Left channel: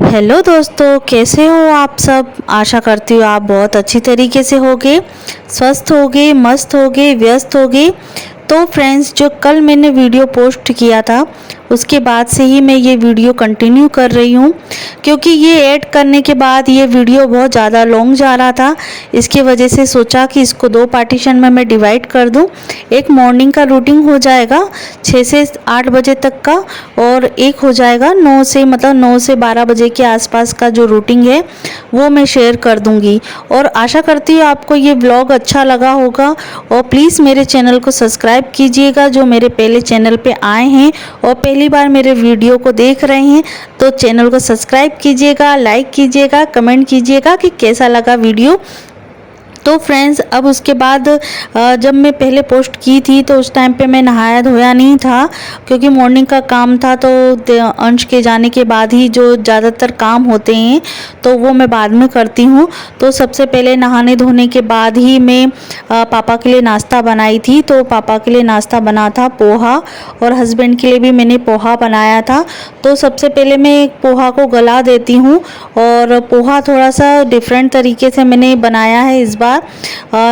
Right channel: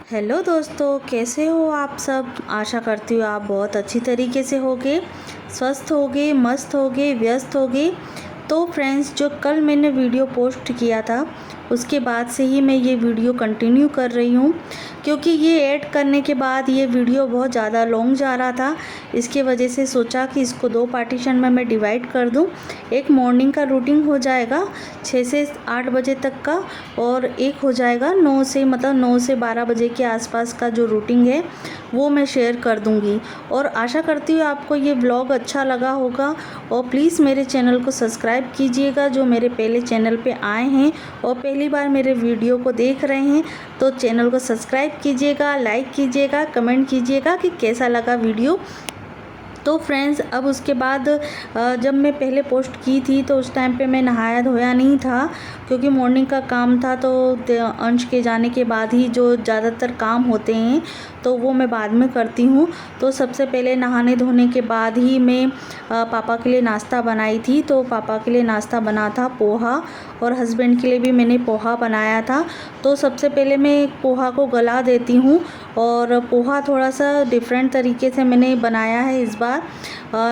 Hello दोस्तों, कैसे हो आप सब। आशा करती हूँ आप बहुत अच्छी तरीके से होगे, स्वस्थ होगे, मस्त होगे, व्यस्त होगे। तो फ्रेंड्स, जो कल मैंने वीडियो पोस्ट किया था उसके बाद से ही मैं ये वीडियो कंटिन्यू कर रही हूँ, क्योंकि ये ऐड करने के बाद ये वीडियो बहुत ज़्यादा लॉन्ग जा रहा था। इसकी वजह से सोचा कि इसको दो पार्टीशन में मैं डिवाइड कर दूँ। एक मॉर्निंग का रूटीन हो जाएगा 6 से 8 बजे तक का, और एक हो जाएगा 9 से 12 बजे के आसपास का जो रूटीन है वो मैं शेयर कर दूंगी। और आशा करती हूँ आपको ये ब्लॉग अच्छा लगा होगा। और प्लीज़ मेरे चैनल को सब्सक्राइब कीजिएगा, जो मेरे पहले चैनल पे आए हैं और पहली बार मेरे वीडियो को देख रहे हैं तो चैनल को सब्सक्राइब कीजिएगा, लाइक कीजिएगा, कमेंट कीजिएगा कि कैसा लगा वीडियो। तो फ्रेंड्स, अब उसके बाद जब मैं पहले पोस्ट की थी तो उस टाइम पे मैं नहाया धोया नहीं था, क्योंकि मॉर्निंग का काम था। तो अंश के जाने के बाद ही जो ज़्यादातर काम होते हैं तो वो मैं बाद में करती हूँ। तो सबसे पहले नहाने धोने के बाद ही मैं पापा के लिए नाश्ता बनाई थी। तो पापा के लिए नाश्ता बना था पोहा, और हस्बैंड के लिए भी मैंने पोहा बनाया था। तो सबसे पहले मैं पोहा को गला देती हूँ, और पोहा थोड़ा सा डिफरेंट तरीके से मैंने बनाया है इस बार।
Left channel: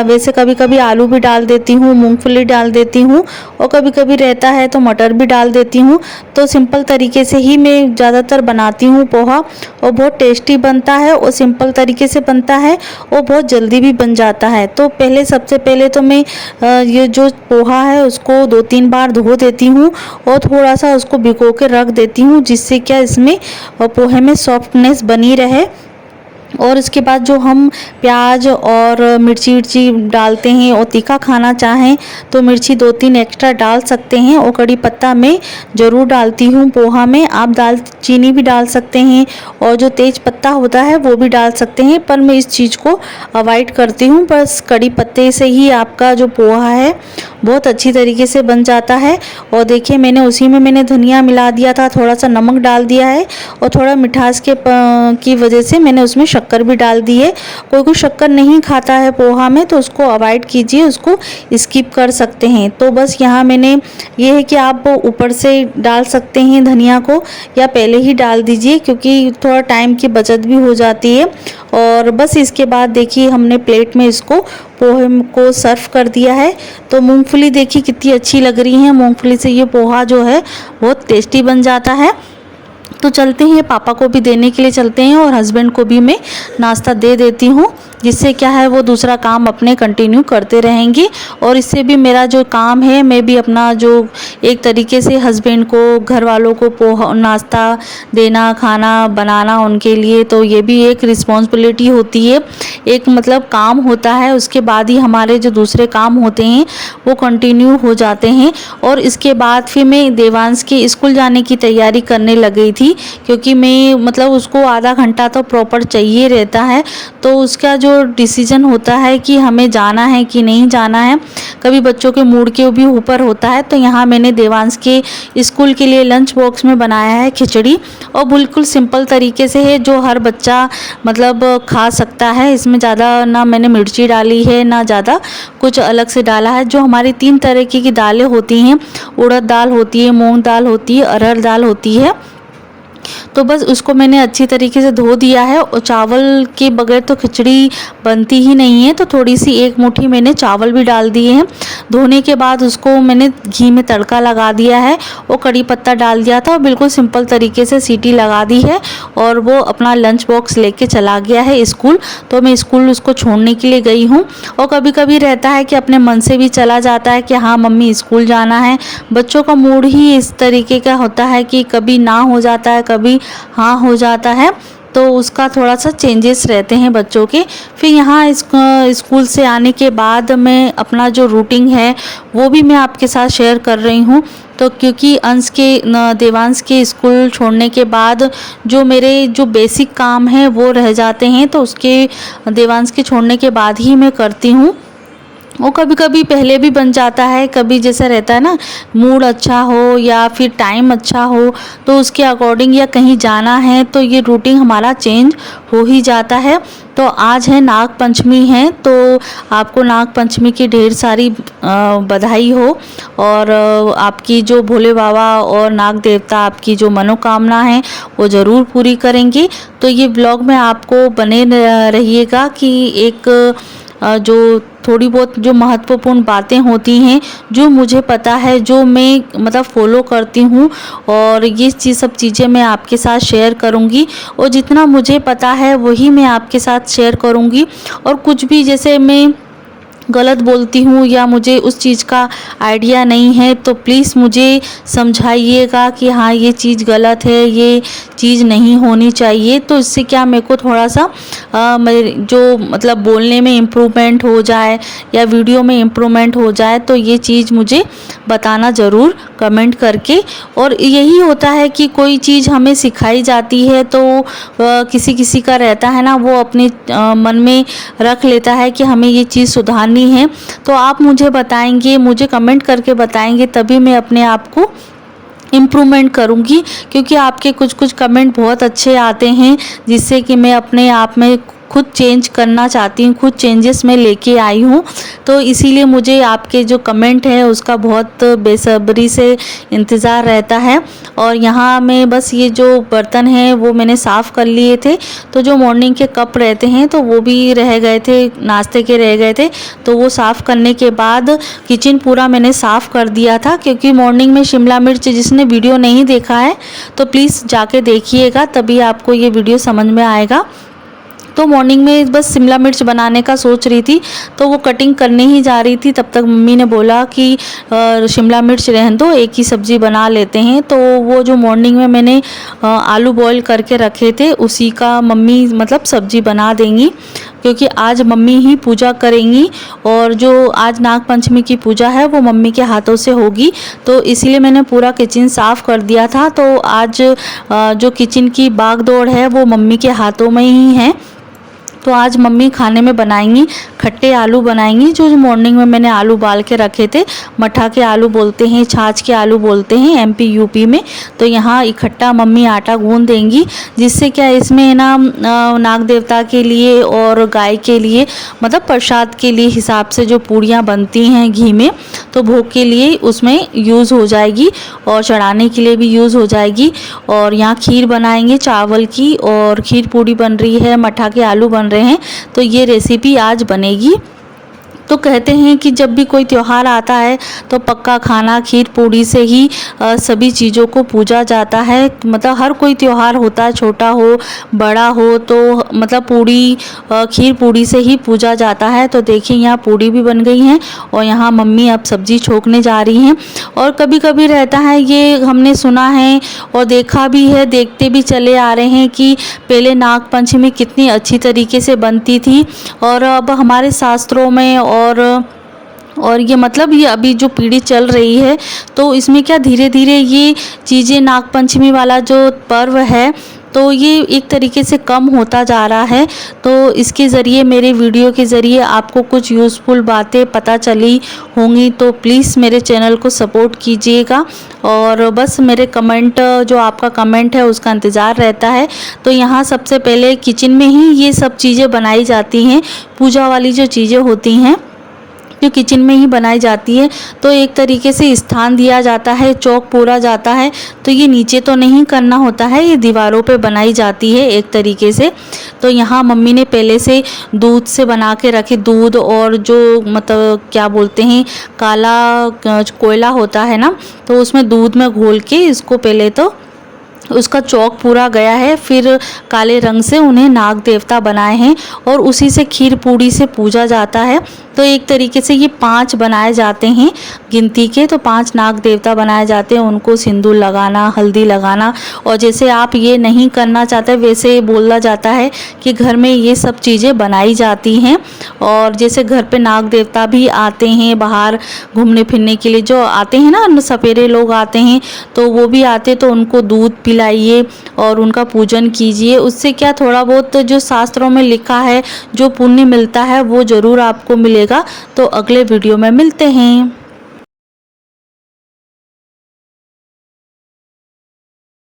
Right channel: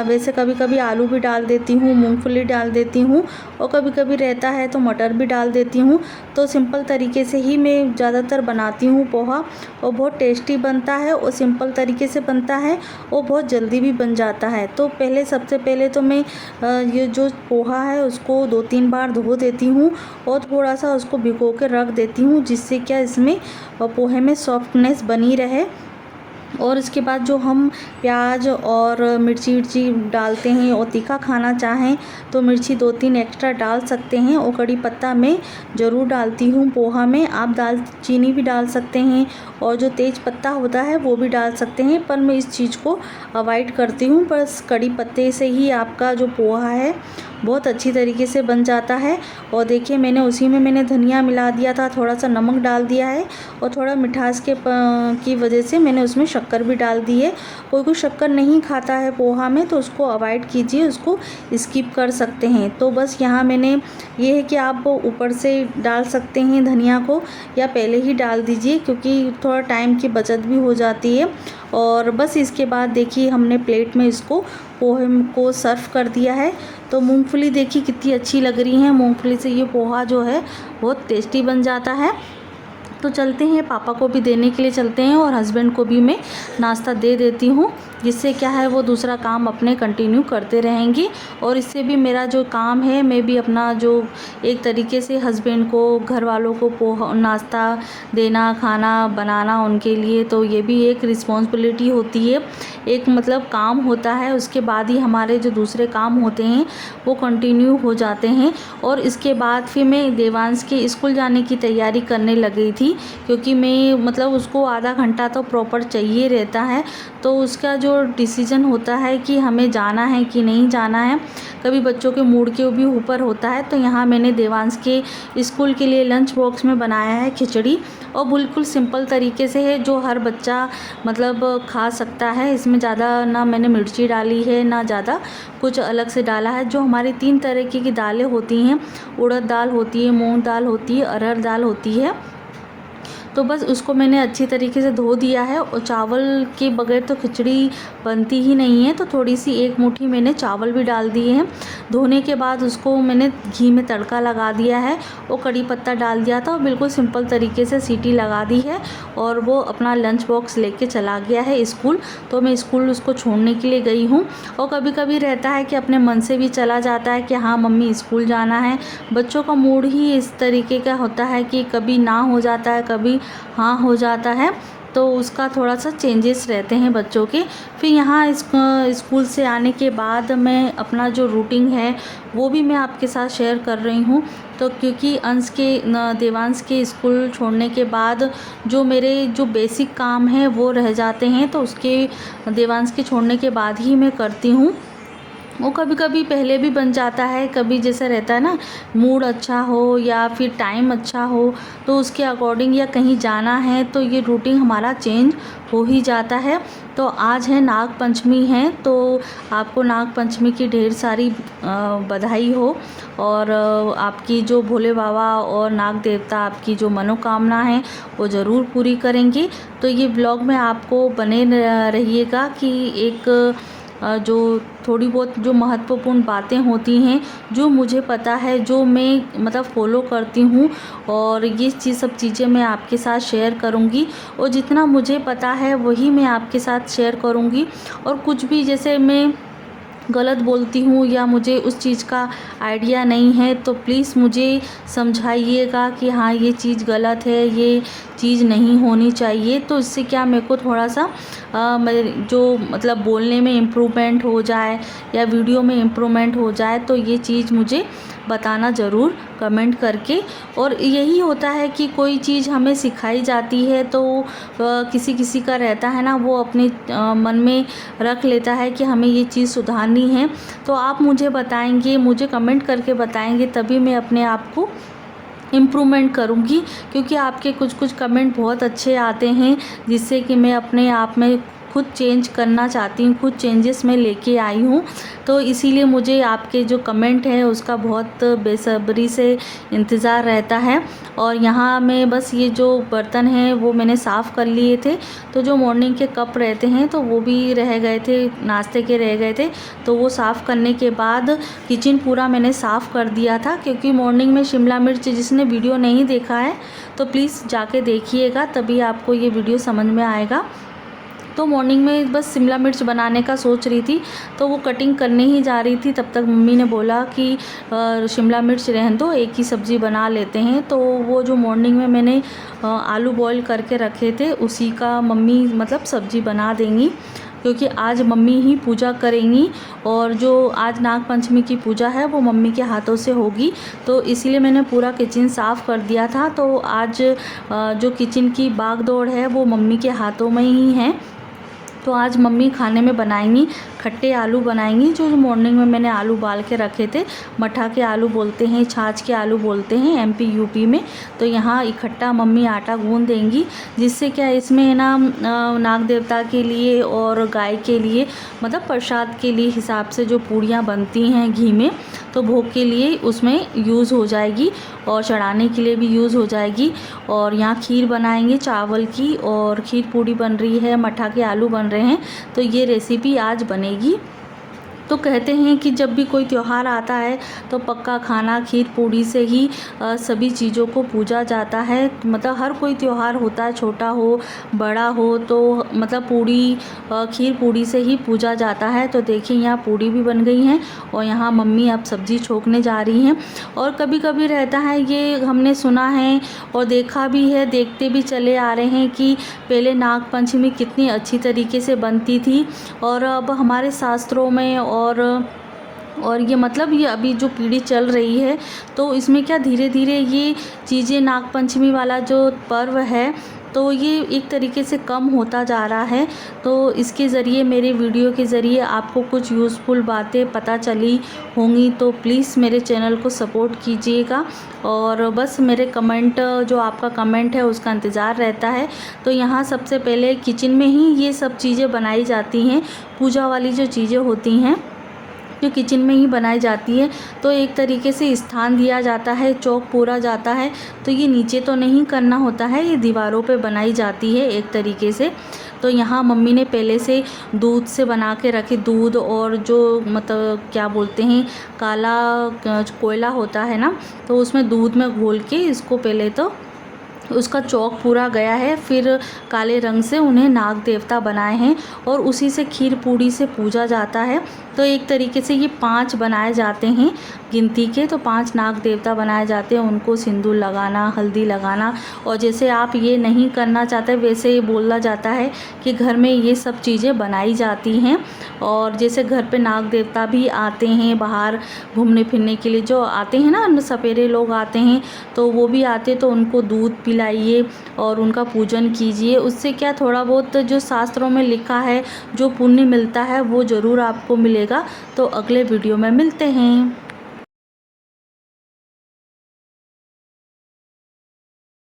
वैसे कभी कभी आलू भी डाल देती हूँ, मूंगफली डाल देती हूँ, और कभी कभी रहता है तो मटर भी डाल देती हूँ। तो सिंपल तरीके से ही मैं ज़्यादातर बनाती हूँ पोहा, और बहुत टेस्टी बनता है और सिंपल तरीके से बनता है और बहुत जल्दी भी बन जाता है। तो सबसे पहले तो मैं ये जो पोहा है उसको 2-3 बार धो देती हूँ और थोड़ा सा उसको भिगो के रख देती हूँ, जिससे क्या इसमें पोहे में सॉफ्टनेस बनी रहे। और इसके बाद जो हम प्याज और मिर्ची डालते हैं, और तीखा खाना चाहें तो मिर्ची 2-3 एक्स्ट्रा डाल सकते हैं। और कड़ी पत्ता मैं ज़रूर डालती हूँ पोहा में। आप दालचीनी भी डाल सकते हैं, और जो तेज पत्ता होता है वो भी डाल सकते हैं, पर मैं इस चीज़ को अवॉइड करती हूँ। बस कड़ी पत्ते से ही आपका जो पोहा है बहुत अच्छी तरीके से बन जाता है। और देखिए, मैंने उसी में धनिया मिला दिया था, थोड़ा सा नमक डाल दिया है, और थोड़ा मिठास की वजह से मैंने उसमें शक्कर भी डाल दी है। कोई शक्कर नहीं खाता है पोहा में तो उसको अवॉइड कीजिए, उसको स्किप कर सकते हैं। तो बस यहाँ मैंने ये है कि आप ऊपर से डाल सकते हैं धनिया को, या पहले ही डाल दीजिए, क्योंकि थोड़ा टाइम की बचत भी हो जाती है। और बस इसके बाद देखिए, हमने प्लेट में इसको पोहे को सर्व कर दिया है। तो मूंगफली देखिए कितनी अच्छी लग रही है। मूंगफली से ये पोहा जो है बहुत टेस्टी बन जाता है। तो चलते हैं, पापा को भी देने के लिए चलते हैं, और हस्बैंड को भी मैं नाश्ता दे देती हूँ, जिससे क्या है वो दूसरा काम अपने कंटिन्यू करते रहेंगे। और इससे भी मेरा जो काम है, मैं भी अपना जो एक तरीके से हस्बैंड को, घर वालों को पोहा नाश्ता देना, खाना बनाना उनके लिए, तो ये भी एक रिस्पॉन्सिबिलिटी होती है, एक मतलब काम होता है। उसके बाद ही हमारे जो दूसरे काम होते हैं वो कंटिन्यू हो जाते हैं। और इसके बाद फिर मैं देवांश के स्कूल जाने की तैयारी करने लग गई थी, क्योंकि मैं मतलब उसको आधा घंटा तो प्रॉपर चाहिए रहता है। तो उसका जो डिसीजन होता है कि हमें जाना है कि नहीं जाना है, कभी बच्चों के मूड के भी ऊपर होता है। तो यहाँ मैंने देवांश के स्कूल के लिए लंच बॉक्स में बनाया है खिचड़ी, और बिल्कुल सिंपल तरीके से है, जो हर बच्चा मतलब खा सकता है। इसमें ज़्यादा ना मैंने मिर्ची डाली है, ना ज़्यादा कुछ अलग से डाला है। जो हमारी 3 तरीके की दालें होती हैं, उड़द दाल होती है, मूंग दाल होती है, अरहर दाल होती है, तो बस उसको मैंने अच्छी तरीके से धो दिया है। और चावल के बगैर तो खिचड़ी बनती ही नहीं है, तो थोड़ी सी 1 मुट्ठी मैंने चावल भी डाल दिए हैं। धोने के बाद उसको मैंने घी में तड़का लगा दिया है, और कड़ी पत्ता डाल दिया था, और बिल्कुल सिंपल तरीके से सीटी लगा दी है। और वो अपना लंच बॉक्स लेके चला गया है स्कूल। तो मैं स्कूल उसको छोड़ने के लिए गई हूँ। और कभी कभी रहता है कि अपने मन से भी चला जाता है कि हाँ मम्मी स्कूल जाना है। बच्चों का मूड ही इस तरीके का होता है कि कभी ना हो जाता है, कभी हाँ हो जाता है। तो उसका थोड़ा सा चेंजेस रहते हैं बच्चों के। फिर यहाँ स्कूल से आने के बाद मैं अपना जो रूटीन है वो भी मैं आपके साथ शेयर कर रही हूँ। तो क्योंकि देवांश के स्कूल छोड़ने के बाद जो मेरे जो बेसिक काम हैं वो रह जाते हैं, तो उसके देवांश के छोड़ने के बाद ही मैं करती हूँ। वो कभी कभी पहले भी बन जाता है, कभी जैसा रहता है ना, मूड अच्छा हो या फिर टाइम अच्छा हो तो उसके अकॉर्डिंग, या कहीं जाना है तो ये रूटीन हमारा चेंज हो ही जाता है। तो आज है नाग पंचमी है, तो आपको नाग पंचमी की ढेर सारी बधाई हो, और आपकी जो भोले बाबा और नाग देवता आपकी जो मनोकामना है वो ज़रूर पूरी करेंगे। तो ये ब्लॉग में आपको बने रहिएगा कि एक जो थोड़ी बहुत जो महत्वपूर्ण बातें होती हैं, जो मुझे पता है, जो मैं मतलब फॉलो करती हूँ, और ये सब चीज़ें मैं आपके साथ शेयर करूँगी, और जितना मुझे पता है वही मैं आपके साथ शेयर करूँगी। और कुछ भी जैसे मैं गलत बोलती हूँ या मुझे उस चीज़ का आइडिया नहीं है तो प्लीज़ मुझे समझाइएगा कि हाँ ये चीज़ गलत है, ये चीज़ नहीं होनी चाहिए। तो इससे क्या मेरे को थोड़ा सा जो मतलब बोलने में इम्प्रूवमेंट हो जाए या वीडियो में इम्प्रूवमेंट हो जाए, तो ये चीज़ मुझे बताना ज़रूर कमेंट करके। और यही होता है कि कोई चीज़ हमें सिखाई जाती है तो किसी किसी का रहता है ना, वो अपने मन में रख लेता है कि हमें ये चीज़ सुधारनी है। तो आप मुझे बताएंगे, मुझे कमेंट करके बताएंगे, तभी मैं अपने आप को इम्प्रूवमेंट करूँगी, क्योंकि आपके कुछ कुछ कमेंट बहुत अच्छे आते हैं जिससे कि मैं अपने आप में खुद चेंज करना चाहती हूँ, खुद चेंजेस मैं लेके आई हूँ। तो इसीलिए मुझे आपके जो कमेंट है उसका बहुत बेसब्री से इंतज़ार रहता है। और यहाँ मैं बस ये जो बर्तन हैं वो मैंने साफ़ कर लिए थे, तो जो मॉर्निंग के कप रहते हैं तो वो भी रह गए थे, नाश्ते के रह गए थे, तो वो साफ़ करने के बाद किचन पूरा मैंने साफ़ कर दिया था। क्योंकि मॉर्निंग में शिमला मिर्च, जिसने वीडियो नहीं देखा है तो प्लीज़ जाके देखिएगा, तभी आपको ये वीडियो समझ में आएगा। तो मॉर्निंग में बस शिमला मिर्च बनाने का सोच रही थी, तो वो कटिंग करने ही जा रही थी, तब तक मम्मी ने बोला कि शिमला मिर्च रहने दो, एक ही सब्ज़ी बना लेते हैं। तो वो जो मॉर्निंग में मैंने आलू बॉईल करके रखे थे उसी का मम्मी मतलब सब्ज़ी बना देंगी, क्योंकि आज मम्मी ही पूजा करेंगी, और जो आज नाग पंचमी की पूजा है वो मम्मी के हाथों से होगी। तो इसीलिए मैंने पूरा किचन साफ़ कर दिया था। तो आज जो किचन की भागदौड़ है वो मम्मी के हाथों में ही है। तो आज मम्मी खाने में बनाएंगी खट्टे आलू बनाएंगी, जो मॉर्निंग में मैंने आलू उबाल के रखे थे। मठा के आलू बोलते हैं, छाछ के आलू बोलते हैं एमपी यूपी में। तो यहाँ इकट्ठा मम्मी आटा गूंद देंगी, जिससे क्या इसमें ना नाग देवता के लिए और गाय के लिए मतलब प्रसाद के लिए हिसाब से जो पूड़ियाँ बनती हैं घी में, तो भोग के लिए उसमें यूज़ हो जाएगी और चढ़ाने के लिए भी यूज़ हो जाएगी। और यहाँ खीर बनाएंगे चावल की, और खीर पूड़ी बन रही है, मठा के आलू बन रहे हैं। तो ये रेसिपी आज बनेगी। तो कहते हैं कि जब भी कोई त्यौहार आता है तो पक्का खाना खीर पूड़ी से ही सभी चीज़ों को पूजा जाता है। मतलब हर कोई त्यौहार होता है, छोटा हो बड़ा हो, तो मतलब पूड़ी खीर पूड़ी से ही पूजा जाता है। तो देखिए यहाँ पूड़ी भी बन गई हैं, और यहाँ मम्मी अब सब्ज़ी छोंकने जा रही हैं। और कभी कभी रहता है, ये हमने सुना है और देखा भी है, देखते भी चले आ रहे हैं कि पहले नाग पंचमी कितनी अच्छी तरीके से बनती थी, और अब हमारे शास्त्रों में और ये मतलब ये अभी जो पीढ़ी चल रही है तो इसमें क्या धीरे धीरे ये चीज़ें, नाग पंचमी वाला जो पर्व है तो ये एक तरीके से कम होता जा रहा है। तो इसके ज़रिए, मेरे वीडियो के ज़रिए आपको कुछ यूज़फुल बातें पता चली होंगी, तो प्लीज़ मेरे चैनल को सपोर्ट कीजिएगा। और बस मेरे कमेंट, जो आपका कमेंट है उसका इंतज़ार रहता है। तो यहाँ सबसे पहले किचन में ही ये सब चीज़ें बनाई जाती हैं, पूजा वाली जो चीज़ें होती हैं जो किचन में ही बनाई जाती है। तो एक तरीके से स्थान दिया जाता है, चौक पूरा जाता है। तो ये नीचे तो नहीं करना होता है, ये दीवारों पे बनाई जाती है एक तरीके से। तो यहाँ मम्मी ने पहले से दूध से बना के रखे, दूध और जो मतलब क्या बोलते हैं काला कोयला होता है ना, तो उसमें दूध में घोल के इसको पहले तो उसका चौक पूरा गया है, फिर काले रंग से उन्हें नाग देवता बनाए हैं, और उसी से खीर पूड़ी से पूजा जाता है। तो एक तरीके से ये 5 बनाए जाते हैं गिनती के, तो 5 नाग देवता बनाए जाते हैं, उनको सिंदूर लगाना, हल्दी लगाना। और जैसे आप ये नहीं करना चाहते वैसे बोला जाता है कि घर में ये सब चीज़ें बनाई जाती हैं। और जैसे घर पे नाग देवता भी आते हैं बाहर घूमने फिरने के लिए, जो आते हैं ना सपेरे लोग आते हैं, तो वो भी आते तो उनको दूध खिलाइए और उनका पूजन कीजिए। उससे क्या थोड़ा बहुत जो शास्त्रों में लिखा है, जो पुण्य मिलता है वो ज़रूर आपको मिलेगा। तो अगले वीडियो में मिलते हैं।